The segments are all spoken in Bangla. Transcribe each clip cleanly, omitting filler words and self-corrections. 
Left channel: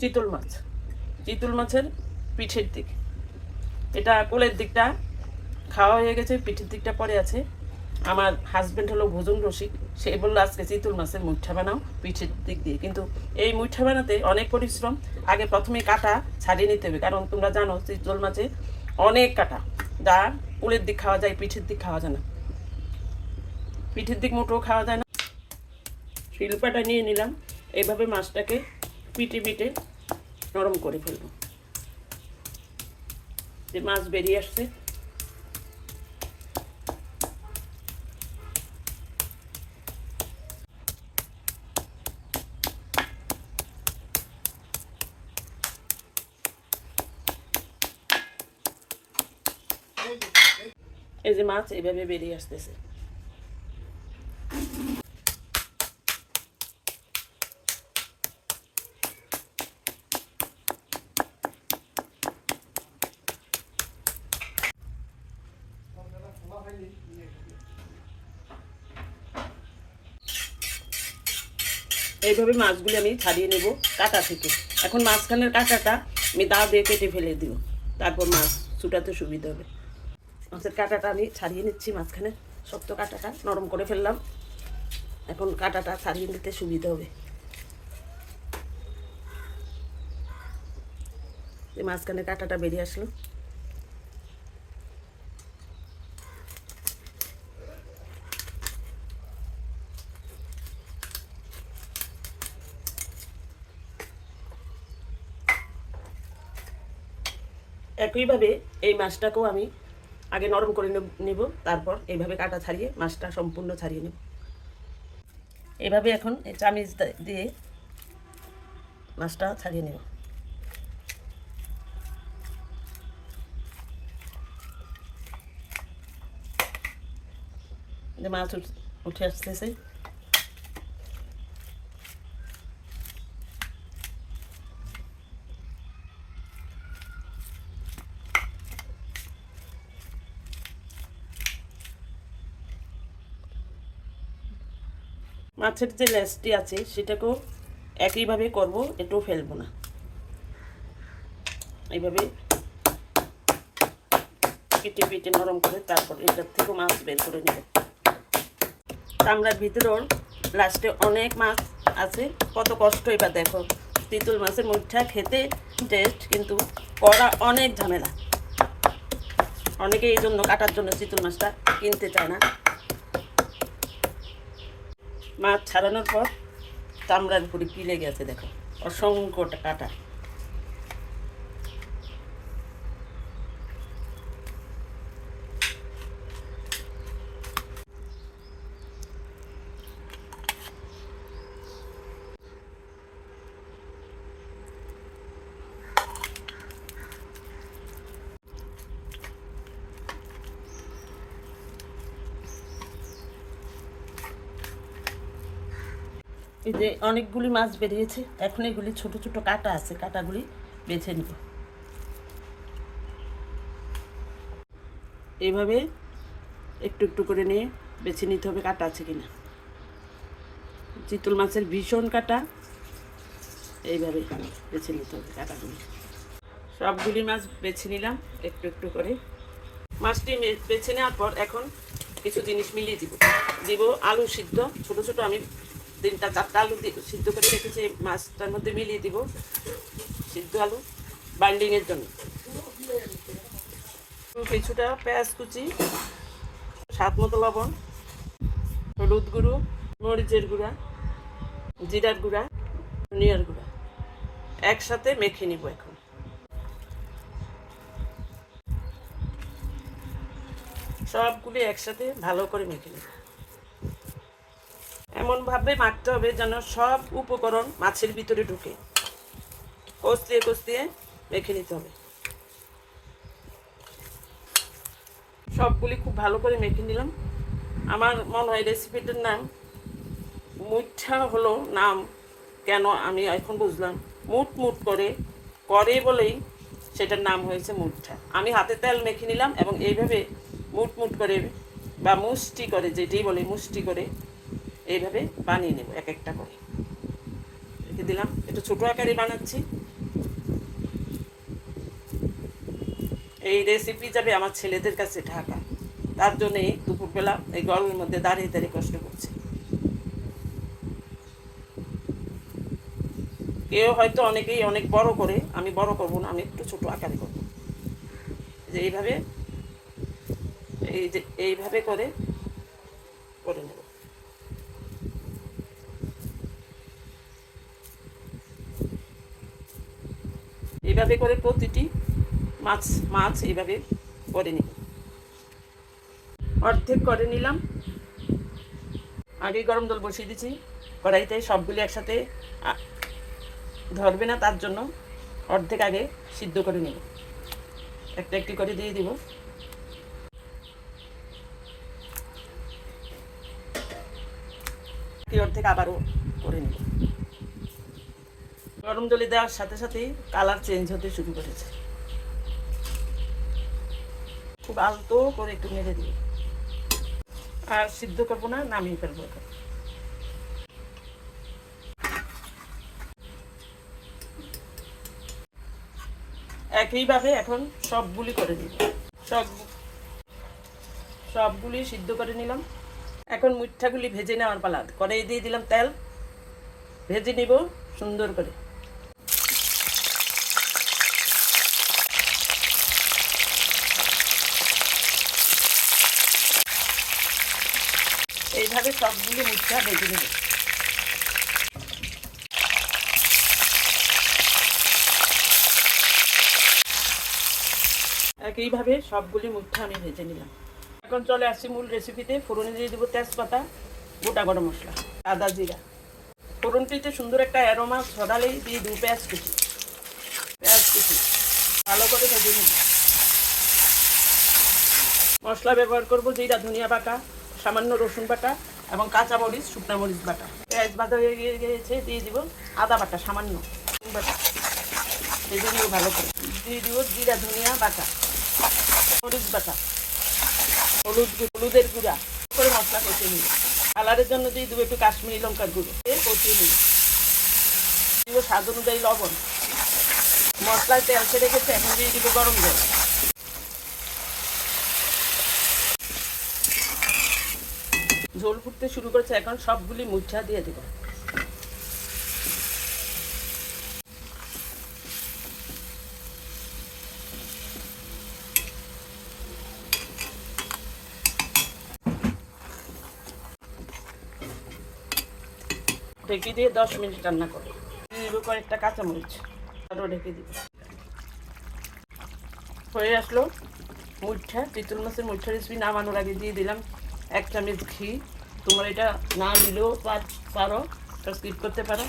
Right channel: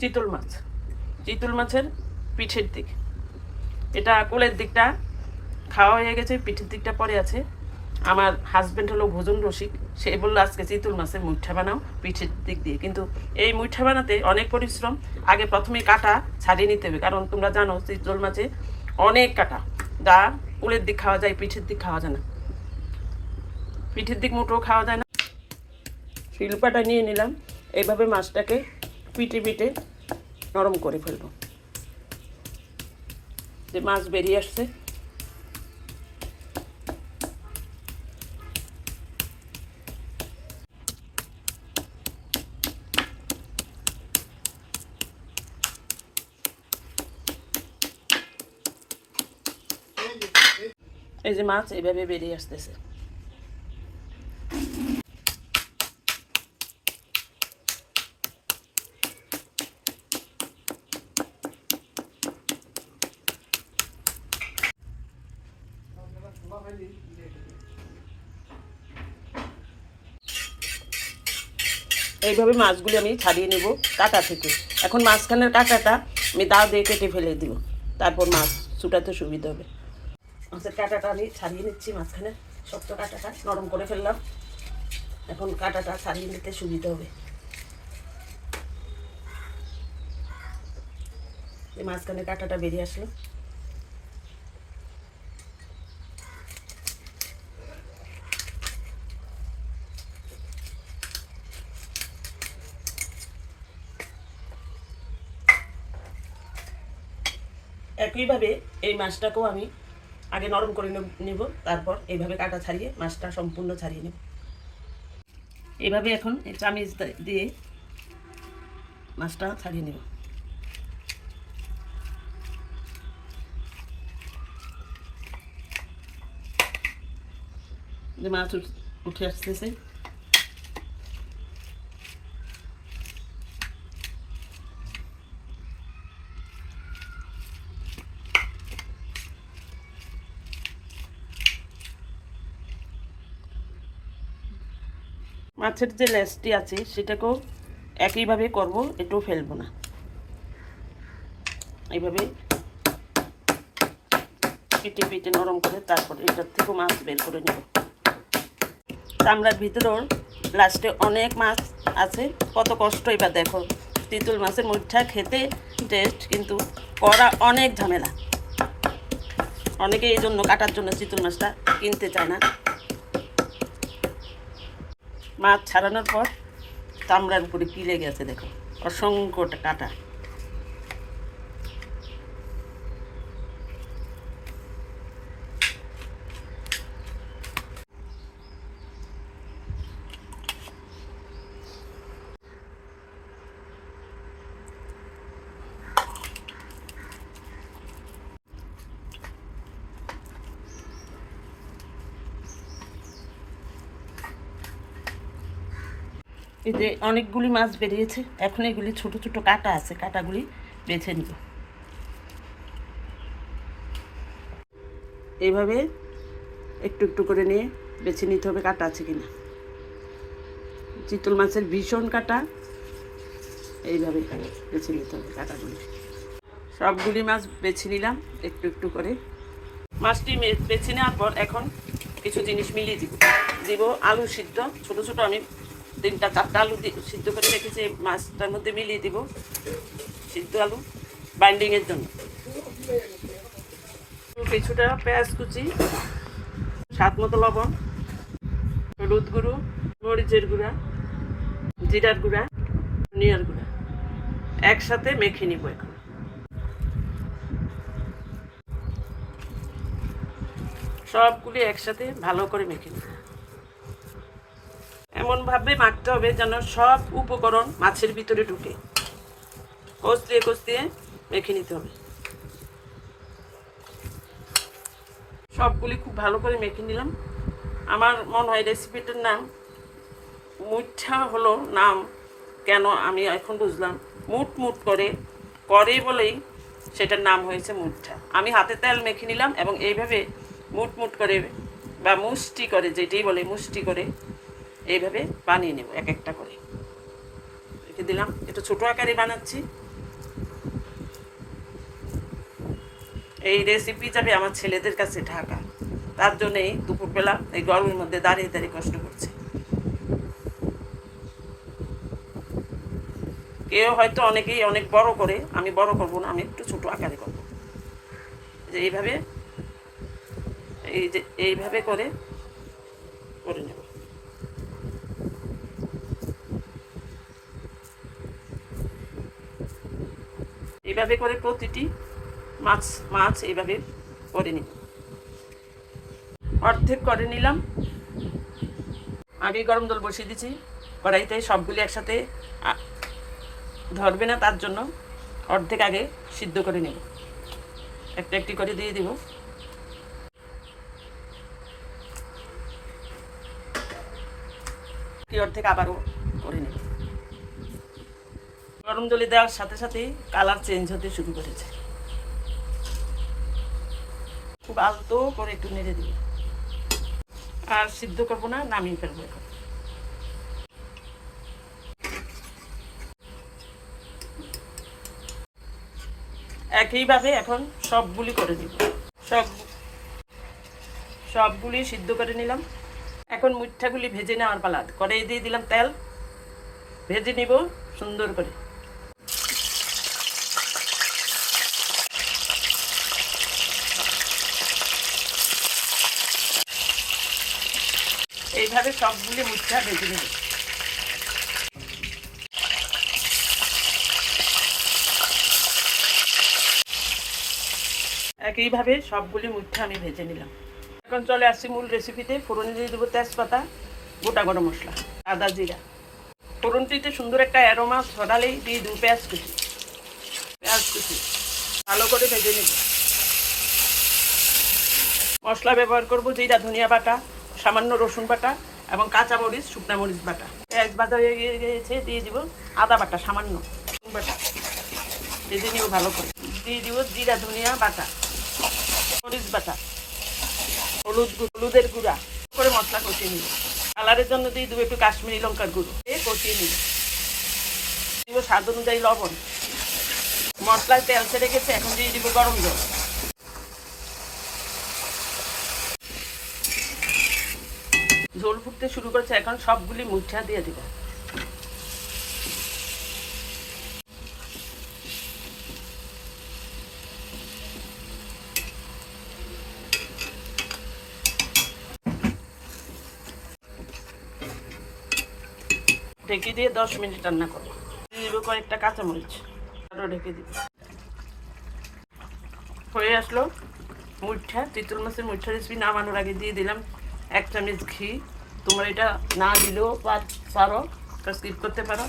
চিতল মাছ, চিতল মাছের পিঠের দিক। এটা কোলের দিকটা খাওয়া হয়ে গেছে, পিঠের দিকটা পরে আছে। আমার হাজব্যান্ড হলো ভোজন রসিক, সে বললো আজকে চিতল মাছের মুঠা বানাও পিঠের দিক দিয়ে। কিন্তু এই মুঠা বানাতে অনেক পরিশ্রম। আগে প্রথমে কাটা ছাড়িয়ে নিতে হবে, কারণ তোমরা জানো চিতল মাছে অনেক কাটা, যা কোলের দিক খাওয়া যায়, পিঠের দিক খাওয়া যায় না। পিঠের দিক মোটেও খাওয়া যায় না। শিল্পাটা নিয়ে নিলাম, এইভাবে মাছটাকে পিটে পিটে নরম করে ফেলবো। যে মাছ বেরিয়ে আসছে, এই যে মাছ এইভাবে বেরিয়ে আসতেছে। এইভাবে মাছগুলি আমি ছাড়িয়ে নেব কাটা থেকে। এখন মাঝখানের কাঁটাটা আমি দা দিয়ে কেটে ফেলে দিব, তারপর মাছ ছুটাতে সুবিধা হবে। মাছের কাঁটাটা আমি ছাড়িয়ে নিচ্ছি, মাঝখানে শক্ত কাঁটাটা নরম করে ফেললাম। এখন কাঁটাটা ছাড়িয়ে নিতে সুবিধা হবে। এই মাঝখানে কাঁটাটা বেরিয়ে আসলো। একইভাবে এই মাছটাকেও আমি আগে নরম করে নেব, তারপর এইভাবে কাটা ছাড়িয়ে মাছটা সম্পূর্ণ ছাড়িয়ে নেব। এইভাবে এখন এই চামিচ দিয়ে মাছটা ছাড়িয়ে নেব। যে মাছ উঠে আসতেছে, মাছের যে লেজটি আছে সেটাকেও একইভাবে করব, এটাও ফেলবো না। এইভাবে পিটে পিটে নরম করে তারপর এটার থেকেও মাছ বের করে নেব। চামড়ার ভিতরেও লাস্টে অনেক মাছ আছে, কত কষ্ট। এবার দেখো চিতল মাছের মুঠা খেতে টেস্ট, কিন্তু করা অনেক ঝামেলা। অনেকে এই জন্য কাটার জন্য চিতল মাছটা কিনতে চায় না। মাছ ছাড়ানোর পর চামড়ার উপরে কি লেগে আছে দেখো, অসংখ্য কাটা। এই যে অনেকগুলি মাছ বেরিয়েছে, এখন এগুলি ছোট ছোট কাটা আছে, কাটাগুলি বেছে নিব। এইভাবে একটু একটু করে নিয়ে বেছে নিতে হবে কাটা আছে কিনা। চিতল মাছের ভীষণ কাটা, এইভাবে বেছে নিতে হবে কাটাগুলি। সবগুলি মাছ বেছে নিলাম একটু একটু করে। মাছটি বেছে নেওয়ার পর এখন কিছু জিনিস মিলিয়ে দিব। আলু সিদ্ধ, ছোট ছোট আমি 3-4টা আলু সিদ্ধ করে রেখেছি, মাছটার মধ্যে মিলিয়ে দিব সিদ্ধ আলু বাইন্ডিংয়ের জন্য। কিছুটা পেঁয়াজ কুচি, স্বাদ মতো লবণ, হলুদ গুঁড়ো, মরিচের গুঁড়া, জিরার গুঁড়া, ধনিয়ার গুঁড়া একসাথে মেখে নিব। এখন সবগুলি একসাথে ভালো করে মেখে নেব। এমনভাবে মাখতে হবে যেন সব উপকরণ মাছের ভিতরে ঢুকে, কষলিয়ে কষলিয়ে মেখে নিতে হবে। সবগুলি খুব ভালো করে মেখে নিলাম। আমার মনে হয় রেসিপিটার নাম মুঠা হলো নাম, কেন আমি এখন বুঝলাম। মুট মুট করে বলেই সেটার নাম হয়েছে মুঠা। আমি হাতে তেল মেখে নিলাম এবং এইভাবে মুট মুট করে বা মুষ্টি করে, যেটাই বলে মুষ্টি করে এইভাবে বানিয়ে নেব। এক একটা করে রেখে দিলাম। এটা ছোটো আকারে বানাচ্ছি, এই রেসিপি যাবে আমার ছেলেদের কাছে ঢাকা, তার জন্যই দুপুরবেলা এই গরমের মধ্যে দাঁড়িয়ে দাঁড়িয়ে কষ্ট করছে। কেউ হয়তো অনেকেই অনেক বড় করে, আমি বড় করব না, আমি একটু ছোট আকারে করব। যে এইভাবে করে নেব। এইভাবে করে প্রতিটি মাছ এইভাবে করে নিব। অর্ধেক করে নিলাম। আগে গরম জল বসিয়ে দিয়েছি, কড়াইতে সবগুলি একসাথে ধরবে না, তার জন্য অর্ধেক আগে সিদ্ধ করে নেব। একটা একটি করে দিয়ে দিব। অর্ধেক আবারও করে নেব। গরম জলে দেওয়ার সাথে সাথেই কালার চেঞ্জ হতে শুরু করেছে। খুব আলতো করে একটু নেড়ে দিব। আর সিদ্ধ করবো না, নামিয়ে ফেলবো এখন। একইভাবে এখন সবগুলি করে নিব। সবগুলি সিদ্ধ করে নিলাম। এখন মুঠাগুলি ভেজে নেওয়ার পালা। কড়াই দিয়ে দিলাম তেল, ভেজে নিব সুন্দর করে। এইভাবে সবগুলি মুঠা ভেজে নেব। একইভাবে সবগুলি মুঠা আমি ভেজে নিলাম। এখন চলে আসছি মূল রেসিপিতে। ফোড়নে দিয়ে দেবো তেজপাতা, গোটা গরম মশলা, আদা, জিরা। ফোড়নটিতে সুন্দর একটা অ্যারোমা ছড়ালেই দিয়ে দেবো পেঁয়াজ কুচি ভালো করে ভেজে নেব। মশলা ব্যবহার করব জিরা, ধনিয়া বাটা, সামান্য রসুন বাটা এবং কাঁচা মরিচ, শুকনা মরিচ বাটা। পেঁয়াজ বাটা হয়ে গিয়েছে, দিয়ে দিব আদা বাটা, সামান্য বাটা ভেজে নেব ভালো করে। দিয়ে দিব জিরা, ধনিয়া বাটা, মরিচ বাটা, হলুদের গুঁড়া করে মশলা কষিয়ে নিব। কালারের জন্য দিয়ে দেবো একটু কাশ্মীরি লঙ্কার গুঁড়ো, কষিয়ে নিব। দিব স্বাদ অনুযায়ী লবণ। মশলায় তেল ছেড়ে গেছে, এখন দিয়ে দিব গরম জল। ঝোল ফুটতে শুরু করছে, এখন সবগুলি মুঠা দিয়ে দিব। ঢেকে দিয়ে 10 মিনিট রান্না করবো। দিয়ে দিব কয়েকটা কাঁচামরিচ, আরও ঢেকে দিব। হয়ে আসলো চিতল মাছের মুঠা রেসিপি। নামানোর আগে দিয়ে দিলাম 1 চামচ ঘি। তোমরা এটা না দিলেও পারো, স্কিপ করতে পারো।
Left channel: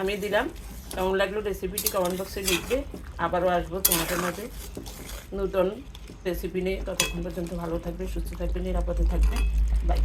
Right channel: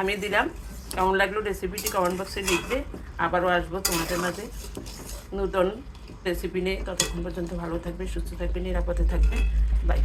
আমি দিলাম। কেমন লাগলো রেসিপিটি কমেন্ট বক্সে লিখবে। আবারও আসবো তোমাদের মাঝে নতুন রেসিপি নিয়ে। ততক্ষণ পর্যন্ত ভালো থাকবে, সুস্থ থাকবে, নিরাপদে থাকবে। বাই।